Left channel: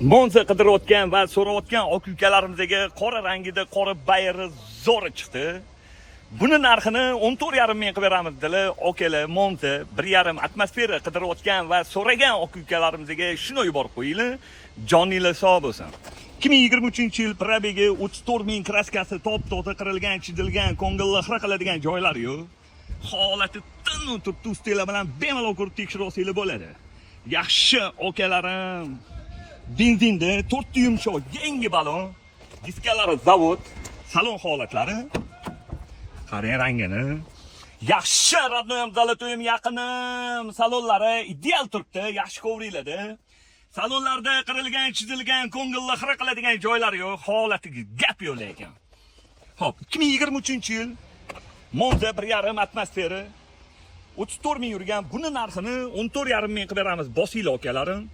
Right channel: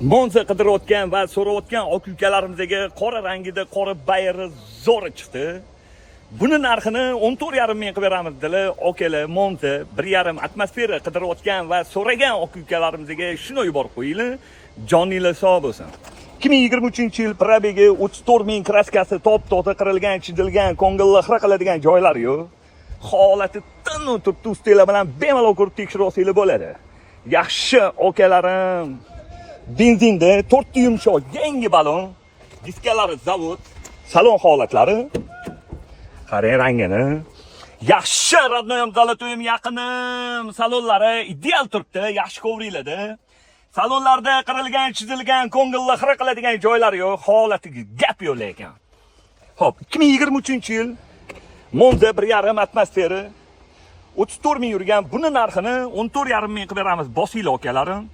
Monza qidirayotgan va so'rayotgan aka-ukalarimizga qora rangida qora bayri zo'ri chiqdi. Buni narxini 14,5 ming qilib beramiz dedilar. Okalar, Monza 1,5 atmosfera qidirayotgan va so'ragan aka-ukalarimizga shuni yuborib qo'yinglar. Joninglar sog' bo'lsin. 2023-yil probegi 34 ming kraskasi top-toza qirilgan, chizilgan, ko'ngilni xira qiladigan joylari yo'q. Holati tinu turtustlar bilan bemalol ko'rib tekshirib bo'ladi. Yaxshi okalarim. Benzinda 4 yumshoq yangi balon, diskalari zavod, salon holatlari. Qarang rangini. Yaxshi radnoyam zalotoyim yaqinim. Salonlari ideal turibdi, yaxshi kovriladi. Salonlarda qirilgan, chizilgan, ko'ngilni xira qiladigan joylari yo'q, holatiga gap yo'q lekin. Xo'p, 2023-yil Monza 1,5 atmosfera 34 ming yurgan buni narxini 14,5 ming qilib beramiz, bosinglar okalarim.